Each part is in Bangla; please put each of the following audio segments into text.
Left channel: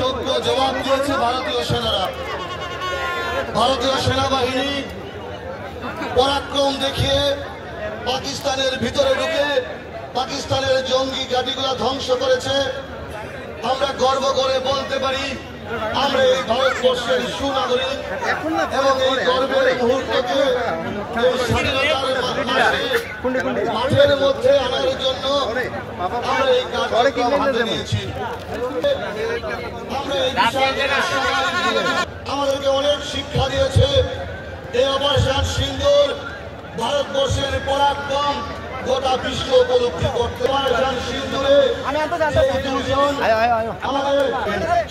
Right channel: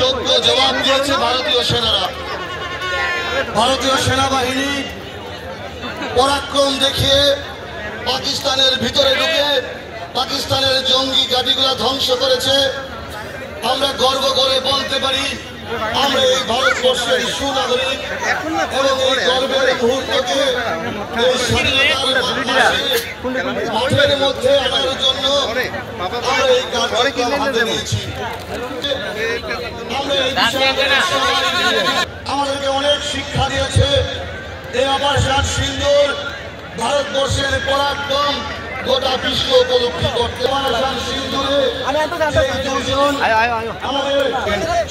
যোগ্য জবাব দিয়েছে ভারতীয় সেনারা। ভারতীয় সেনাবাহিনী পরাক্রম দেখিয়ে পাকিস্তানের ভিতরে ঢুকে পাকিস্তানের জঙ্গি ঘাঁটিগুলো ধ্বংস করেছে। আমরা গর্ব করে বলতে পারি আমরা এই ভারতবর্ষের সুনাগরিক এবং এই গর্বের মুহূর্তকে মাঠের মধ্যে আনার জন্য আমরা এই কাজে নিয়েছি। আমাদেরকে অনেক শিক্ষা দিয়েছে এই অপারেশন সিন্দুর ভারতবর্ষের পরাক্রম গোটা বিশ্ব উপলব্ধি করতে।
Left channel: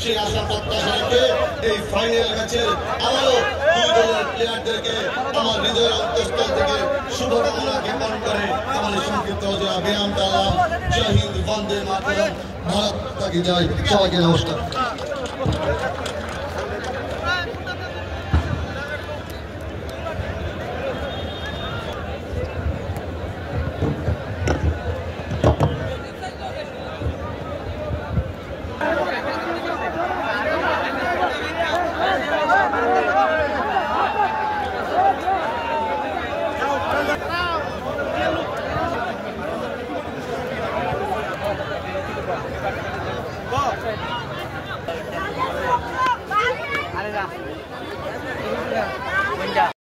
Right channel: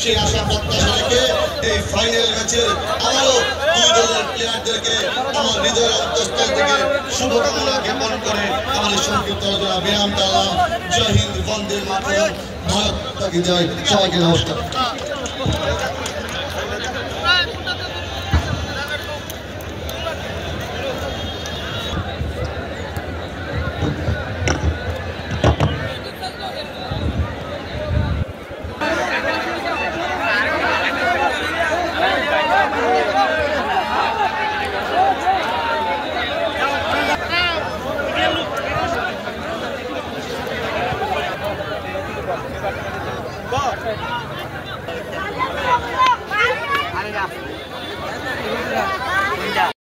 সেই আশা প্রত্যাশা রেখে এই ফাইনাল ম্যাচের আবারও দুই দলের প্লেয়ারদেরকে আমার হৃদয়ের অন্তঃস্থল থেকে শুভকামনা জ্ঞাপন করে আমার সংক্ষিপ্ত বিরাম দিলাম। জয় হিন্দ, বন্দে মাতরম, ভারত কি জয়। সবাইকে নমস্কার।